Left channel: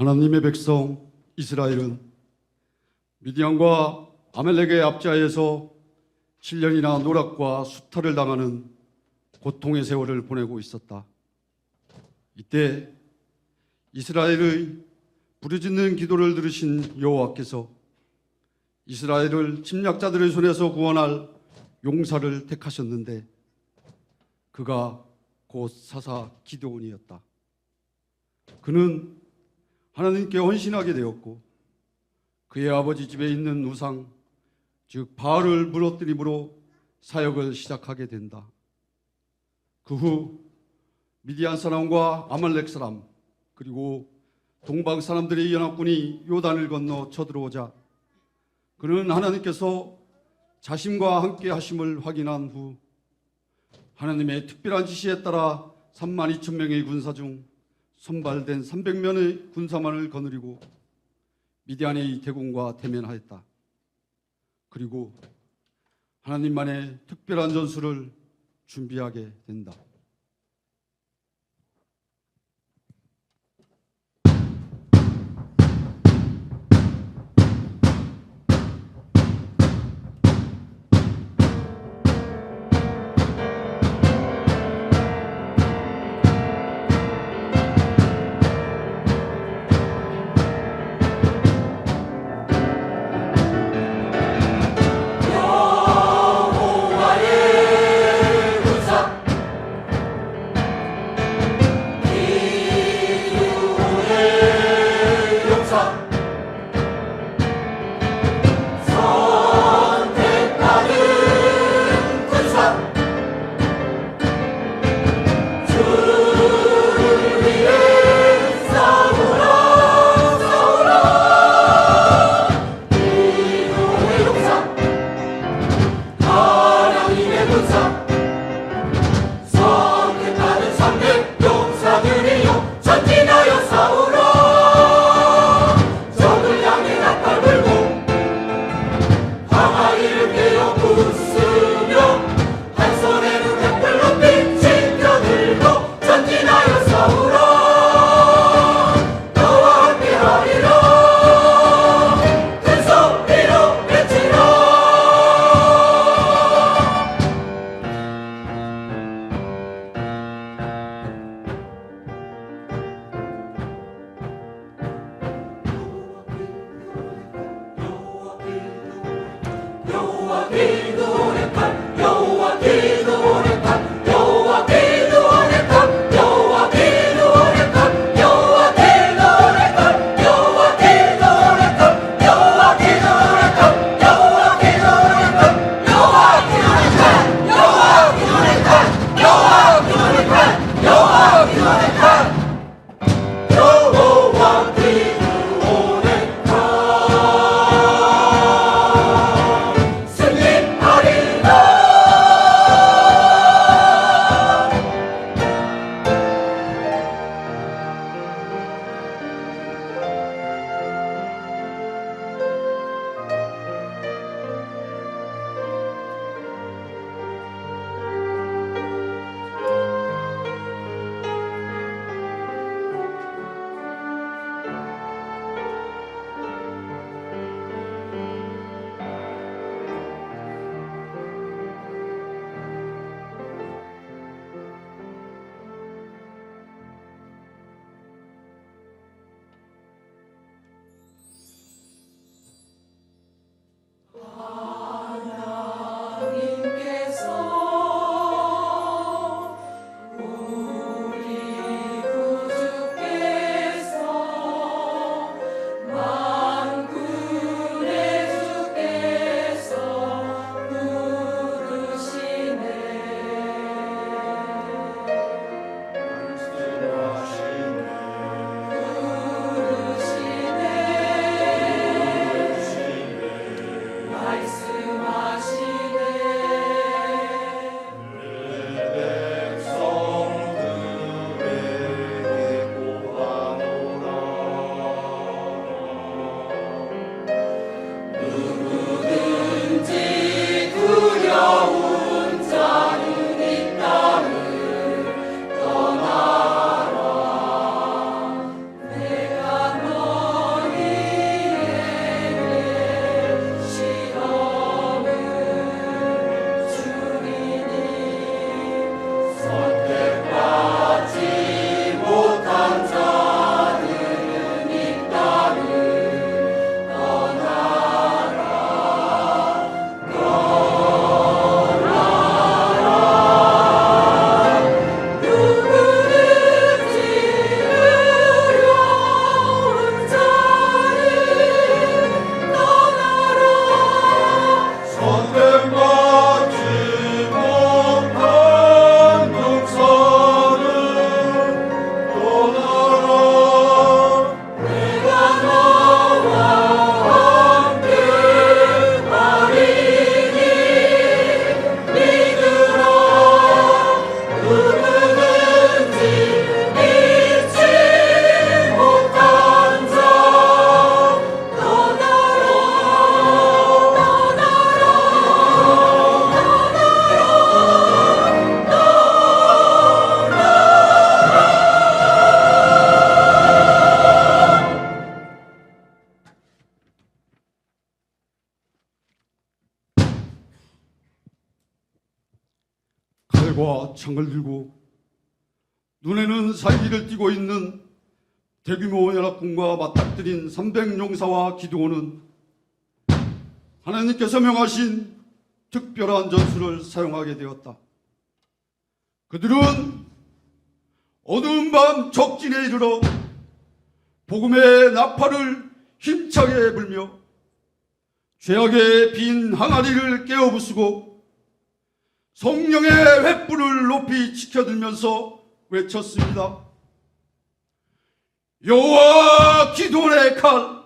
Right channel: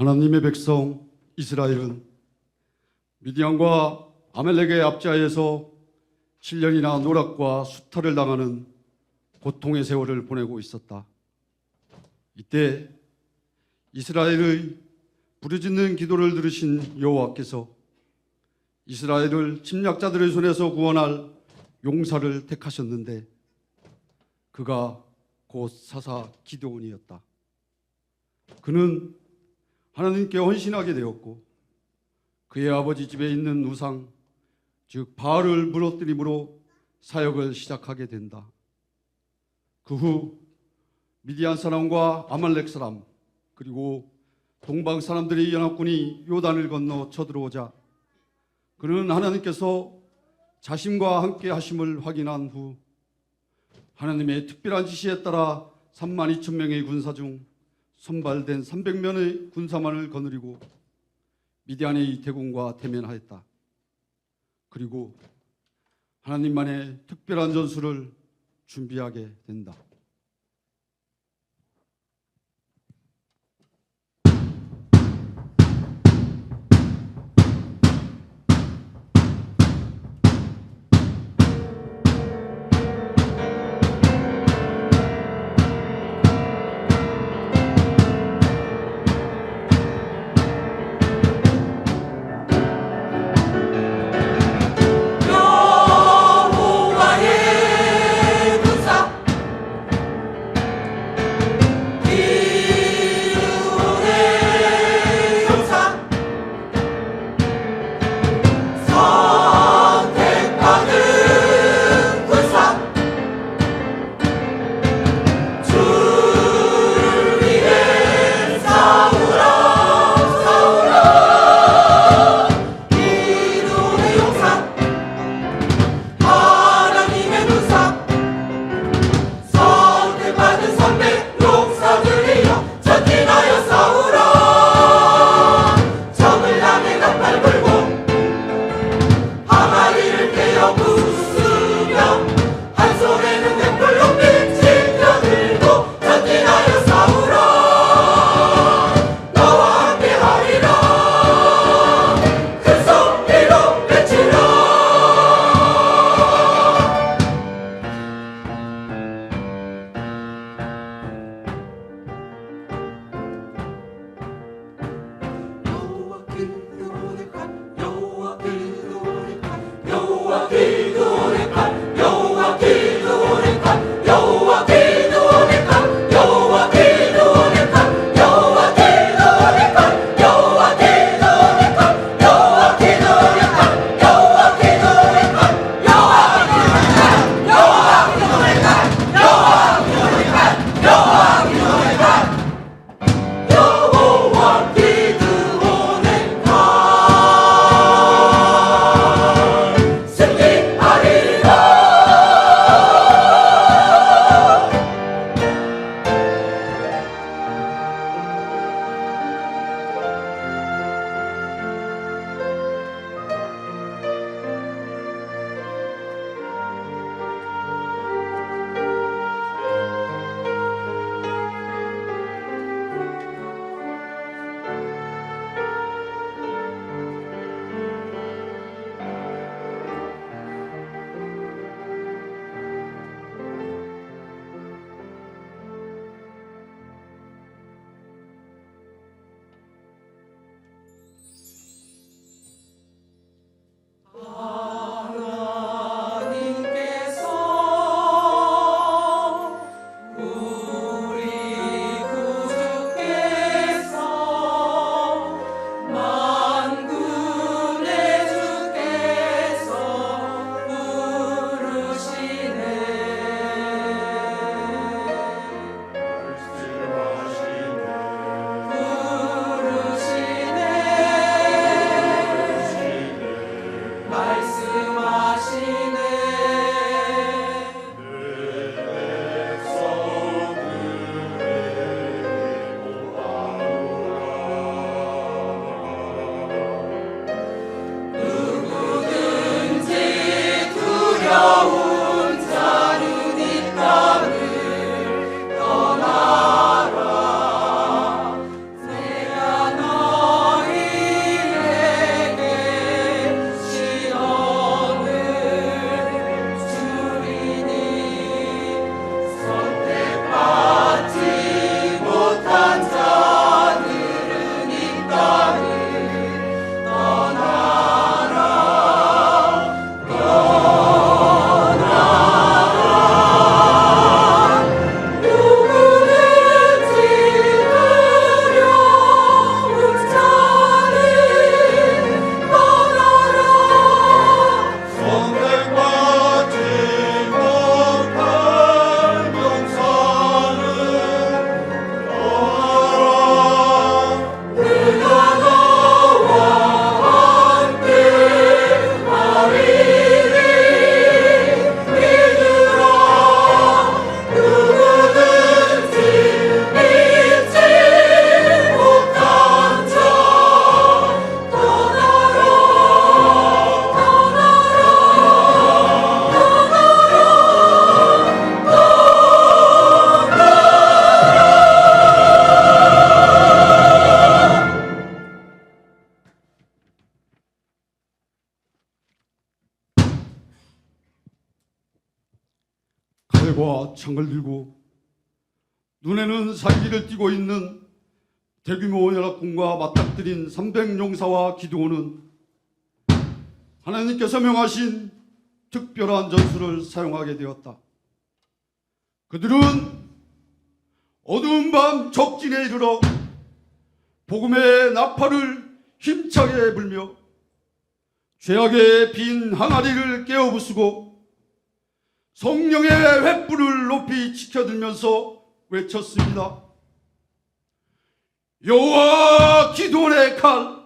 하나님의 백성 이스라엘은 미디안과 아멜렉의 압자에서 7년이나 노락과 수탈을 당하는 고통의 세월을 보내고 있었다. 이때 이스라엘의 부르짖는 기도를 들으신 여호와께서 이스라엘을 침략자들의 손에서 구원할 용사를 택하셨는데 그가 곧 사사 기드온이었다. 그는 하나님께 헌신하게 되었고 그의 아버지 집에 있는 우상 즉 바알을 무너뜨림으로 사역을 시작하게 된다. 그 후 미디안 사람과 아말렉 사람 그리고 동방 사람들의 연합군이 요단을 건너 쳐들어오자 그는 하나님께서 자신과 함께 하심을 확인한 후 하나님의 특별한 지시에 따라 3만 2천 명의 군사 중 선발된 300명의 군사만을 거느리고 미디안의 대군과 대면하였다. 그리고 하나님만의 특별한 전술을 준비하게 된다. 창을 들고 눈에는 살기를 띠고 있는 대규모 연합군과 맞닥뜨린 300용사와 기도원은 하나님께서 명하신 특별한 전술을 사용하게 되었다. 그들은 어두운 밤 적진에 이르러 복음의 나팔을 힘차게 불며 죄악의 빈 항아리를 깨어 부수고 성령의 횃불을 높이 지켜들면서 외쳤습니다. 여호와 기도의 칼,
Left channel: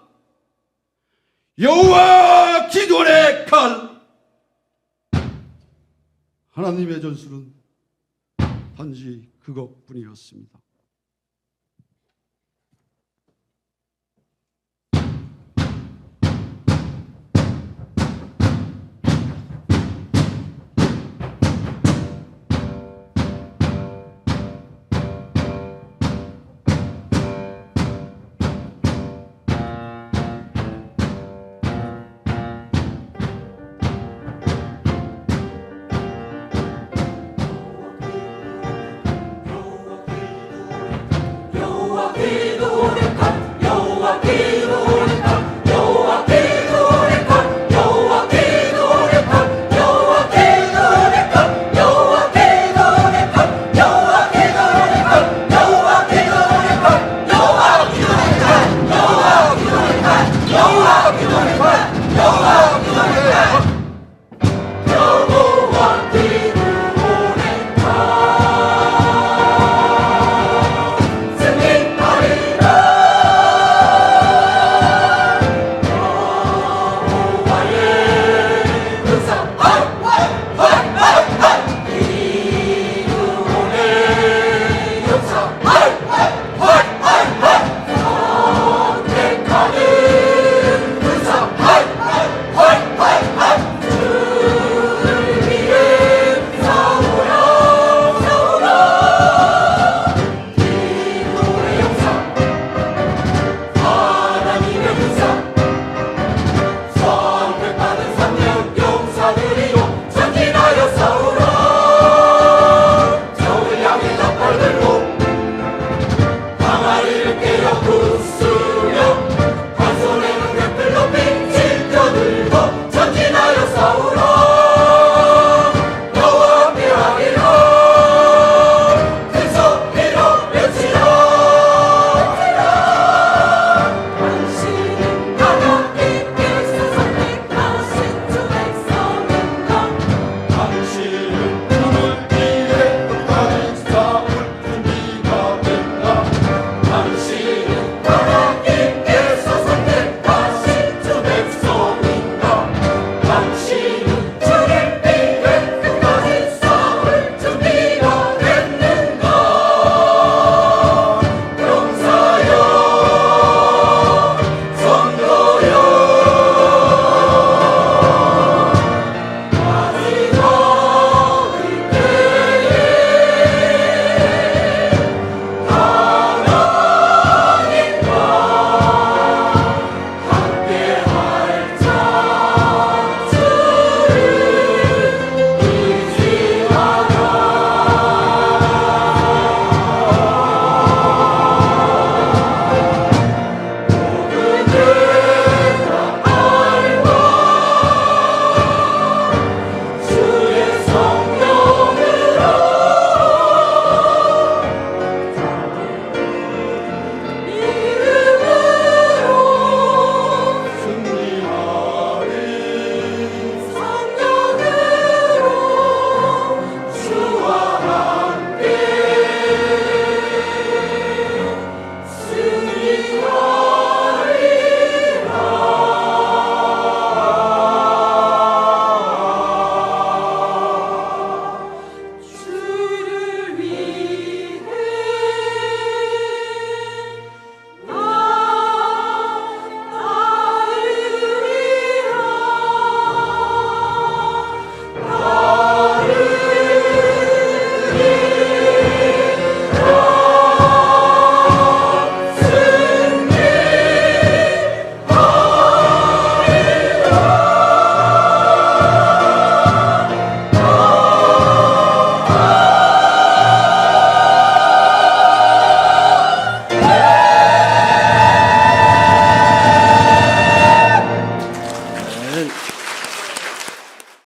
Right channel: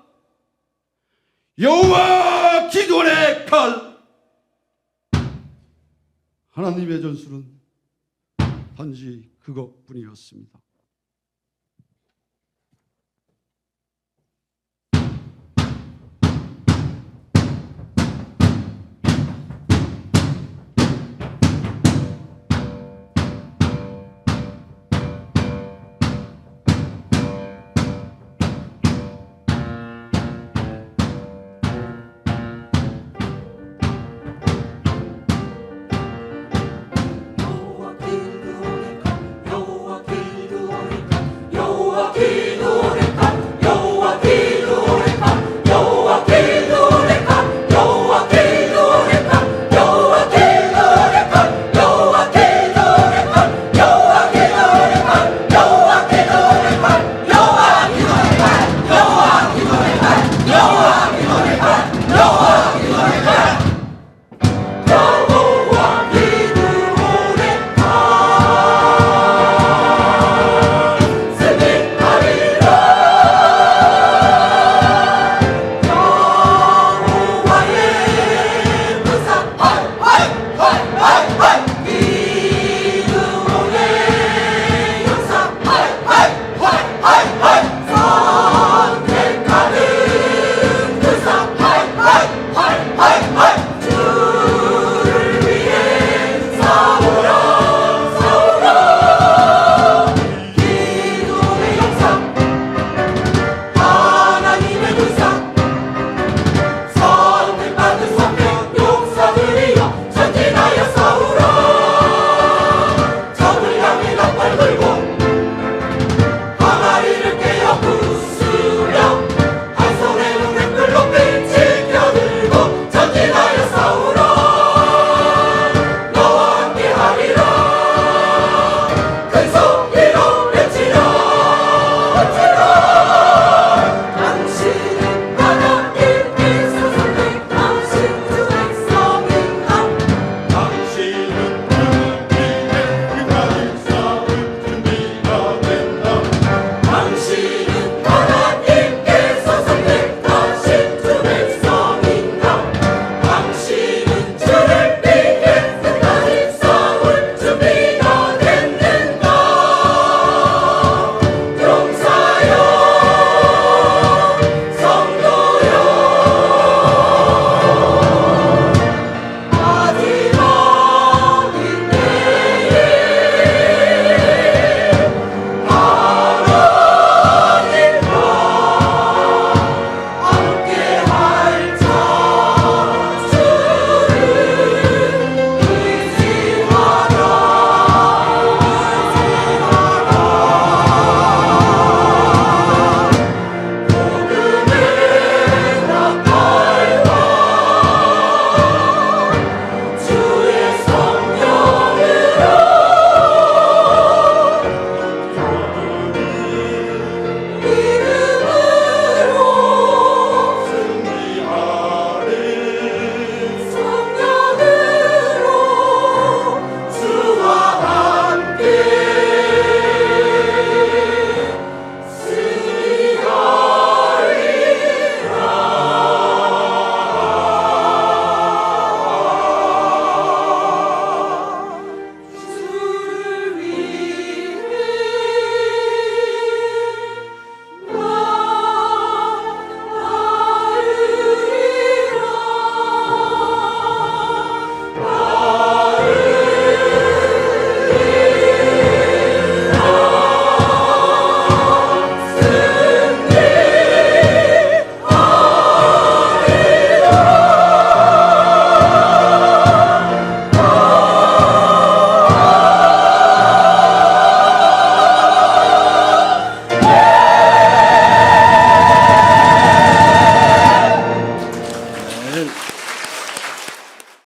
여호와 기도의 칼. 하나님의 전술은 단지 그것뿐이었습니다.